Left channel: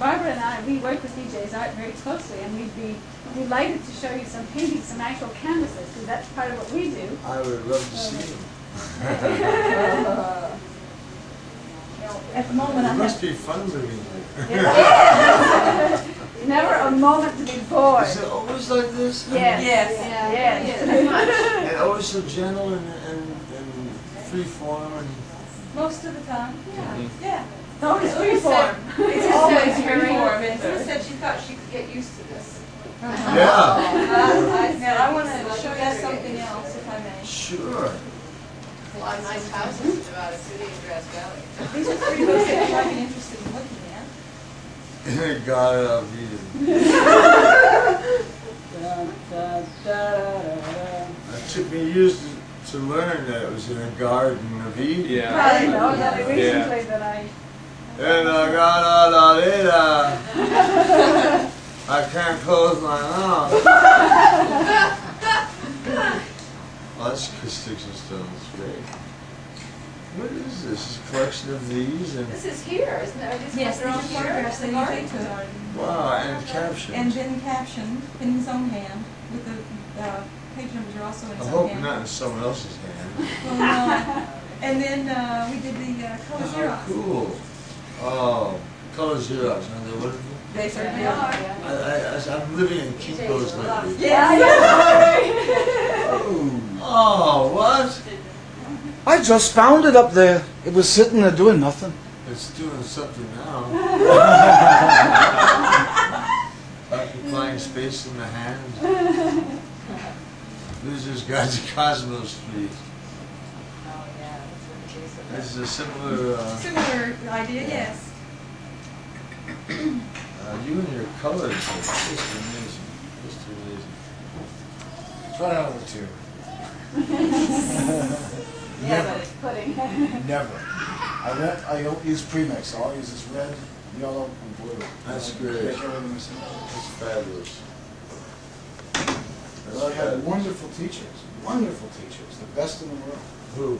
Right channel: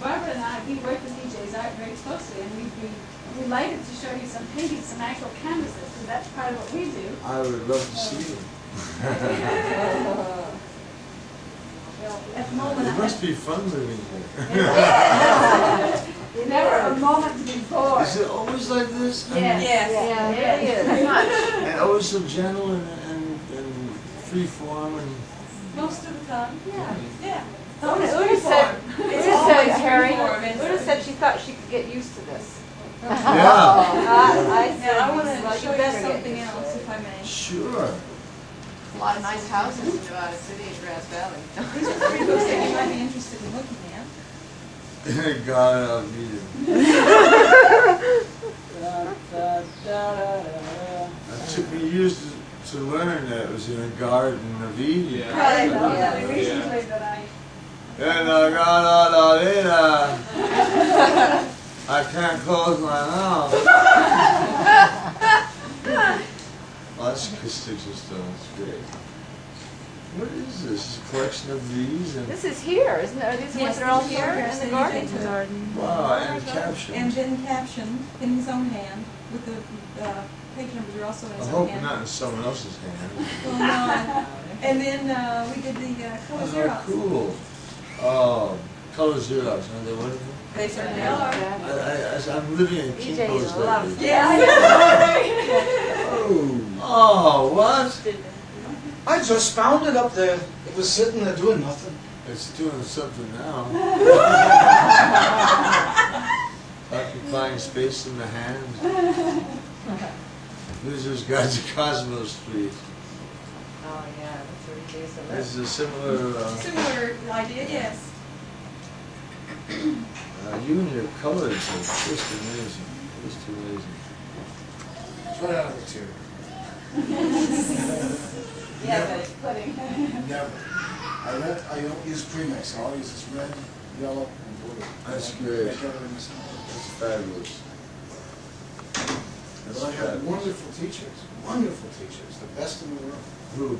Barbara and I, we work with DJ's art very closely, and we'd be delighted to show you some paintings, some actual canvases, because that's part of what we do. I would love to see them. At the moment, It must be fun living here. Never a moment to be bored. Is it always like this? Yes. Yes. And always so gentle and free form and. Most of the time. Yeah. Always free form. It's always free form. And Sue said she thought she could get used to this. Yeah. Now I want to show you something else, if I may. Sure. A lot of nice houses in Nevada City and Grass Valley. These are 3 books that you might be interested in looking at. God, I'll read it. It took me years to learn that it was in a garden of Eden. Yeah. I know that recently that I... In the garden of Eden, I can't close my mouth. Well, that's acoustics and stones. Great. What is this? This is a collection of these and This is here, isn't it? Are these Yes, ones these that are are photographs that here? he took. wow, and captions. And then captioned in his own hand, with the page numbers are also in I his own hope hand. not in someone else's hand. Well, no. And then we did the color Oh, Xerox. cool. Oh, color Xerox, aren't they wonderful? They certainly are. I'm living in Kinko's lately. Yeah, I know. Oh, what? I just found it up there. It was sitting there doing nothing. It's doing something now. Occupying space in the hand. Losers Guide to Cosmos Street. Oh, yeah. This is a similar, Similar idea, yes. you and your colors are just amazing. Just amazing. Try out of the two. Yeah, but it's pudding. Never. I don't use premix. All I use is red, yellow, and blue. That's great. Make everything myself. That's fabulous. But I had wonderful teachers, the best in the world. Who?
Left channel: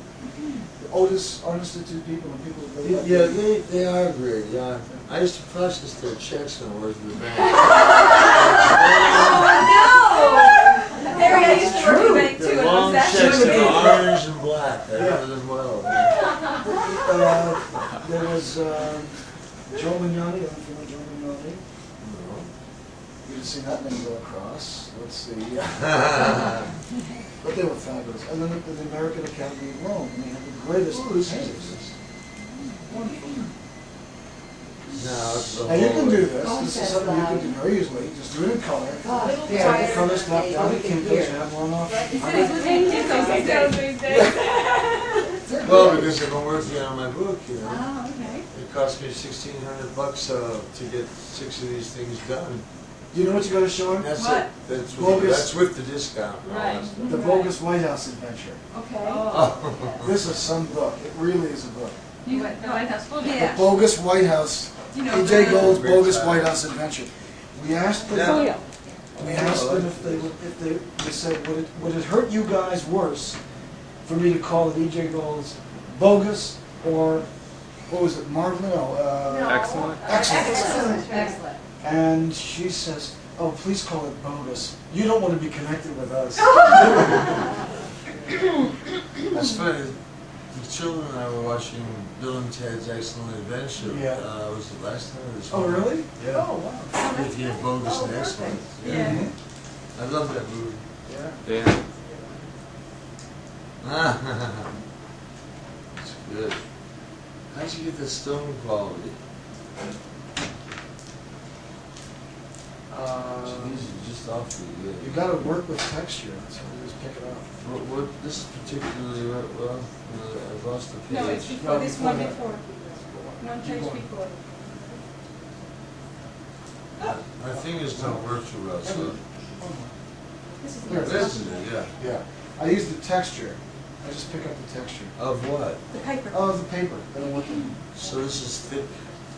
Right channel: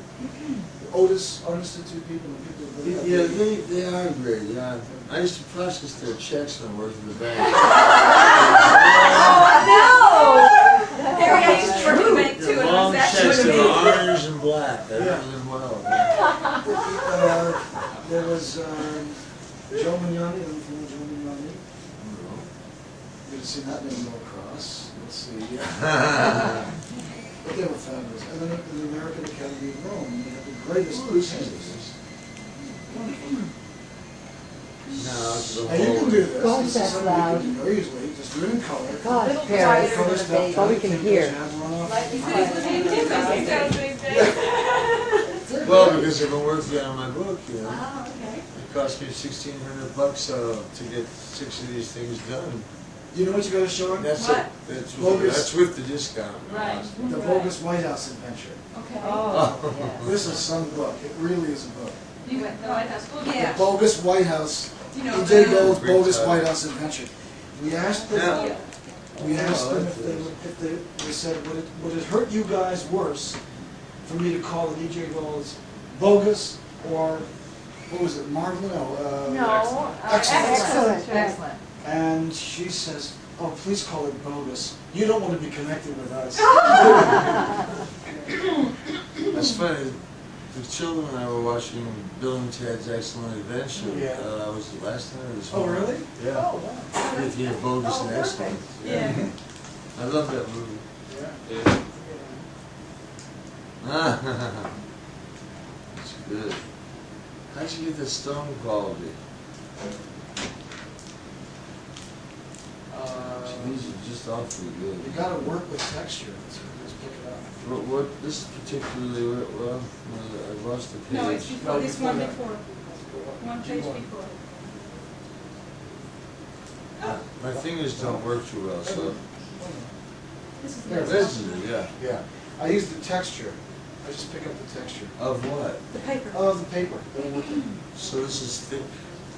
The Otis Art Institute people and people that Yeah, they are great, yeah. I used to process their checks when I worked at the bank. Harry, I used to work in the bank too, They're and I long was checks actually that are orange and black. I remember them well. There was Joe Mignani, I'm from Joe Mignani. We didn't see that name go across. Let's see. But they were fabulous. And then the American Academy of Rome, and they had the greatest painters. Wonderful. No, it's the Now you can whole- do this. This is something you can do very easily. Just do it in color. God, Yeah, the color stuff, down to Kinko's, have one off. Well, because I've been working on my book, you know. Oh, okay. It cost me $1,600 to get 6 of these things done. You know what you got to show her? That's What? it. That's Bogus. with the discount. and all that Right. stuff. The Bogus White House Adventure. Okay. Oh. This is some book. It really is a book. You went to the White House full day. Yeah. The Bogus White House. You know, E.J. the- Gold's Great Bogus title. White House Adventure. We asked them. Yeah. We asked them if they said, would it hurt you guys worse for me to call it E.J. Gold's Bogus or what was it, Marvelous? No, No. Excellent. Excellent. And she says, oh, please call it Bogus. You don't want to be connected with us. That's funny. The children and I were watching Bill and Ted's Excellent Adventure. Yeah. Was it last night or this Oh, morning? really? Yeah. Oh, wow. If you have Bogus and Excellent. Yeah. I love that movie. Yeah. Yeah. It's good. How'd you get the stone quality? These are just awfully good. You got to work with texture, so you just pick it up. What this is particularly well, I've lost the page. No, it's before, this before one that. before. One Keep page going. before. My fingers don't work too well, so This is There it the this is it, yeah. Yeah. I use the texture. I just pick up the texture Of what? paper. of the paper that I'm looking at. So this is thick.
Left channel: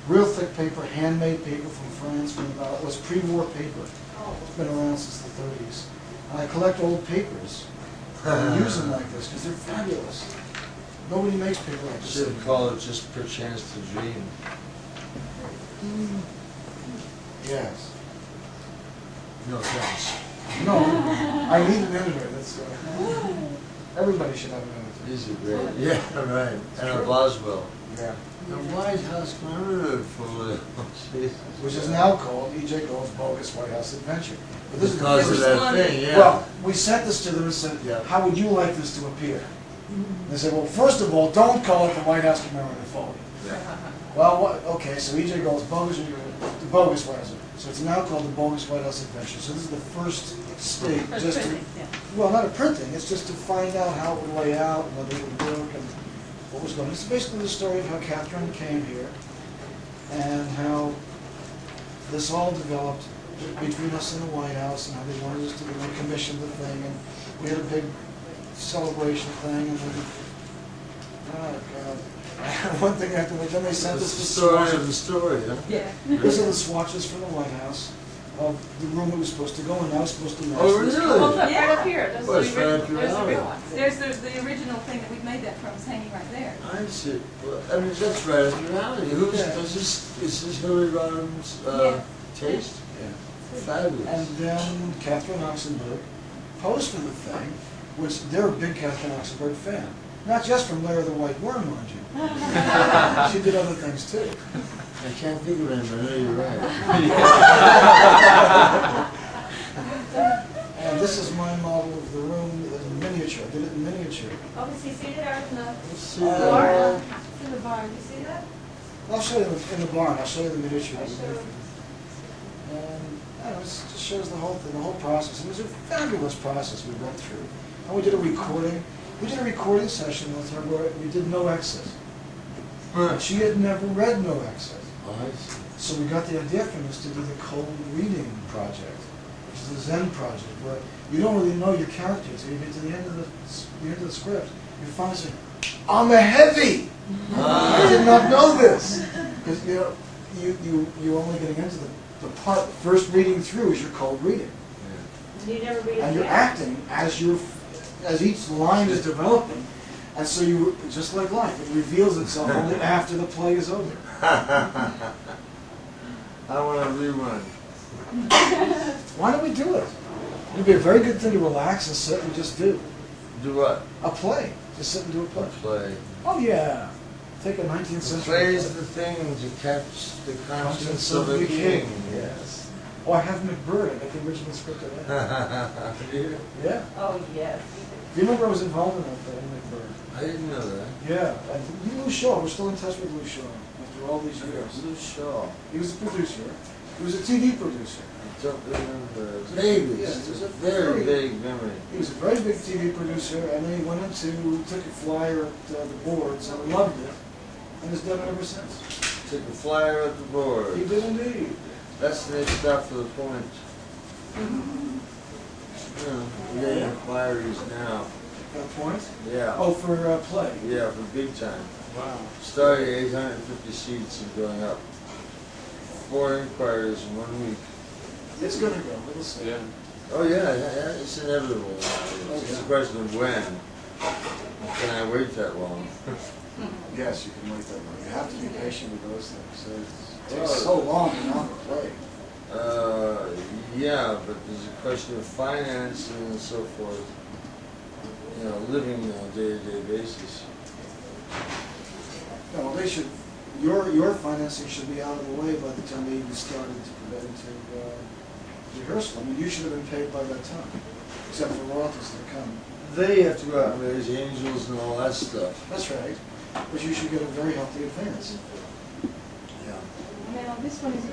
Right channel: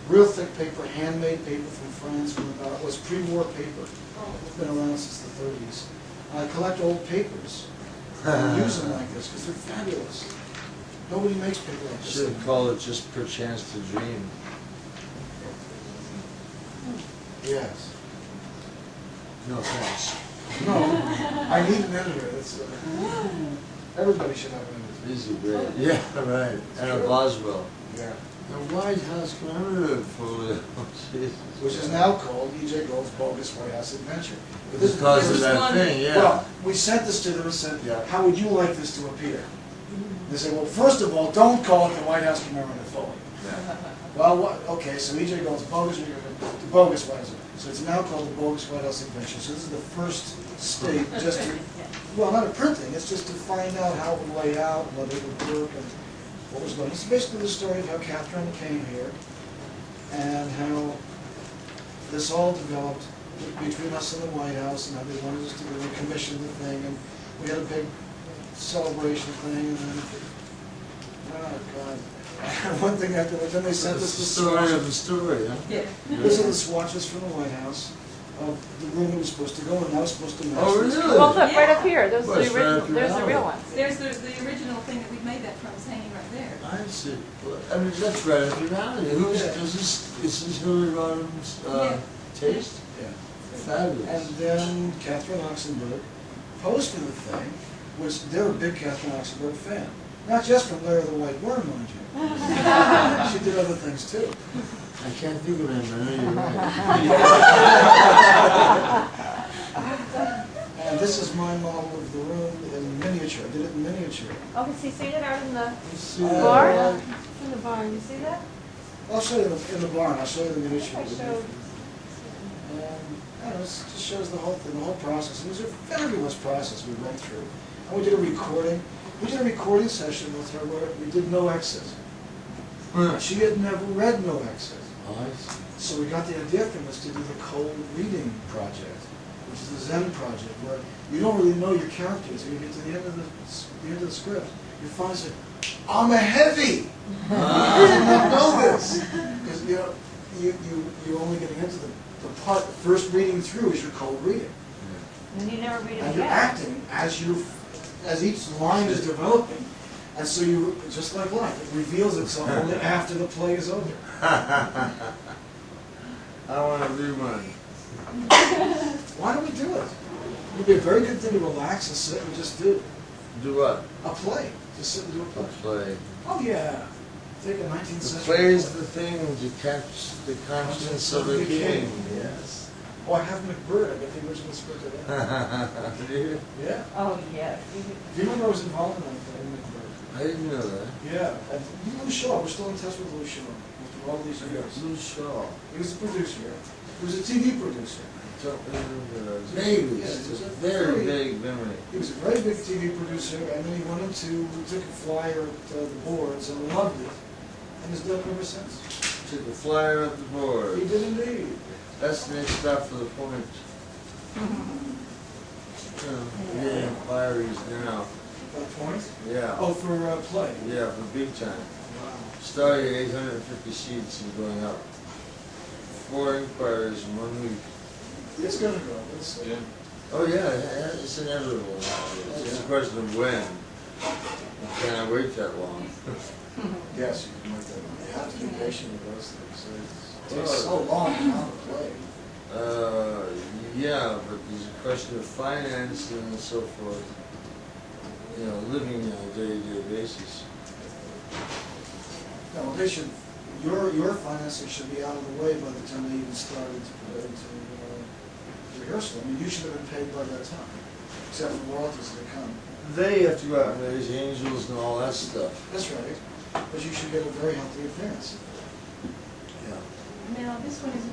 Real thick paper, handmade paper from France, from about, it was pre-war paper. It's been around since the 30s. And I collect old papers and use them like this because they're fabulous. Nobody makes paper like this. Should have called it just Perchance to Dream. Yes. No thanks. No, I need an editor, that's, everybody should have an editor. These are great. Yeah, right. And a Boswell. Yeah. The White House commemorative folio. Jesus. Which is now called E.J. Gould's Bogus White House Adventure. But this is the Because of first that one. thing, yeah. Well, we sent this to them and said, Yeah. how would you like this to appear? They said, well, first of all, don't call it the White House commemorative folio. Yeah. Well, what, okay, so E.J. Gould's Bogus, the Bogus White House. So it's now called the Bogus White House Adventure. So this is the first state just to, well, not a printing, it's just to find out how it would lay out and whether it would work and what was going on. It's basically the story of how Catherine came here and how this all developed between us and the White House and how they wanted us to do, we commissioned the thing and we had a big celebration thing and then, oh God. One thing after that, then they sent us the story swatches. of the story, huh? Yeah. These are the swatches from the White House of the room it was supposed to go in. Now it's supposed to match Oh, this. really? Well, look, right up here, those Well, are it's the right original, up your there's the real alley. ones. There's the original thing that we made that from, is hanging right there. I see. Well, I mean, that's right up your alley. Who's, Yeah. is this Hillary Rodham's taste? Yeah. Fabulous. And then Catherine Oxenberg posed for the thing, which they're a big Catherine Oxenberg fan. Not just from Lair of the White Worm, mind you. She did other things too. I can't think of him, but I know you're right. And this is my model of the room in miniature. I did it in miniature. Oh, does he see it out in the Let's see. barn? In the barn, you see that? I'll show you in the barn. I'll show you the miniature. I that we made. showed. And I don't know, it just shows the whole thing, the whole process. It was a fabulous process we went through. And we did a recording. We did a recording session with her where we did no exit. She had never read no exit. Oh, I see. So we got the idea from this to do the cold reading project, which is the Zen project, where you don't really know your characters. You get to the end of the script, you finally say, I'm a heavy! I did not know this! Because you're only getting into the part, first reading through is your cold reading. And you never read it And you're again. acting as each line is developing. And so you, just like life, it reveals itself only after the play is over. I want to rerun. Why don't we do it? It'd be a very good thing to relax and sit and just do. Do what? A play. Just sit and do a play. Play. Oh, yeah. Take a 19th The century play is the thing to catch the conscience of a king. Yes. Oh, I have McBird. I got the original script of that. Do you? Yeah. Oh, yes. Do you remember I was involved in that play, McBird? I didn't know that. Yeah. And Lou Shaw. We're still in touch with Lou Shaw after all these years. Blue Shaw. He was a producer. He was a TV producer. Don't remember. Vaguely. Yeah, It's it was a a very very- vague memory. He was a very big TV producer, and then he went took a flyer at the boards and loved it, and has done it ever since. Took a flyer at the board. He did indeed. That's the next stop for the point. We're getting inquiries now. That point? Yeah. Oh, for play. Yeah, for big time. Wow. Starting at 850 seats and going up. 4 inquiries in 1 week. It's gonna go. We'll see. Yeah. Oh yeah, it's inevitable. It's just a question of when. Can I wait that long? Yes, you can wait that long. You have to be patient with those things. So it Well, takes so long to mount a play. Yeah, but there's a question of financing and so forth. You know, living on a day-to-day basis. No, well, they should. Your financing should be out of the way by the time they even started to rehearsal. I mean, you should have been paid by that time, except for royalties that come. They have to go out and raise angels and all that stuff. That's right. But you should get a very healthy advance. Yeah. Now, this one is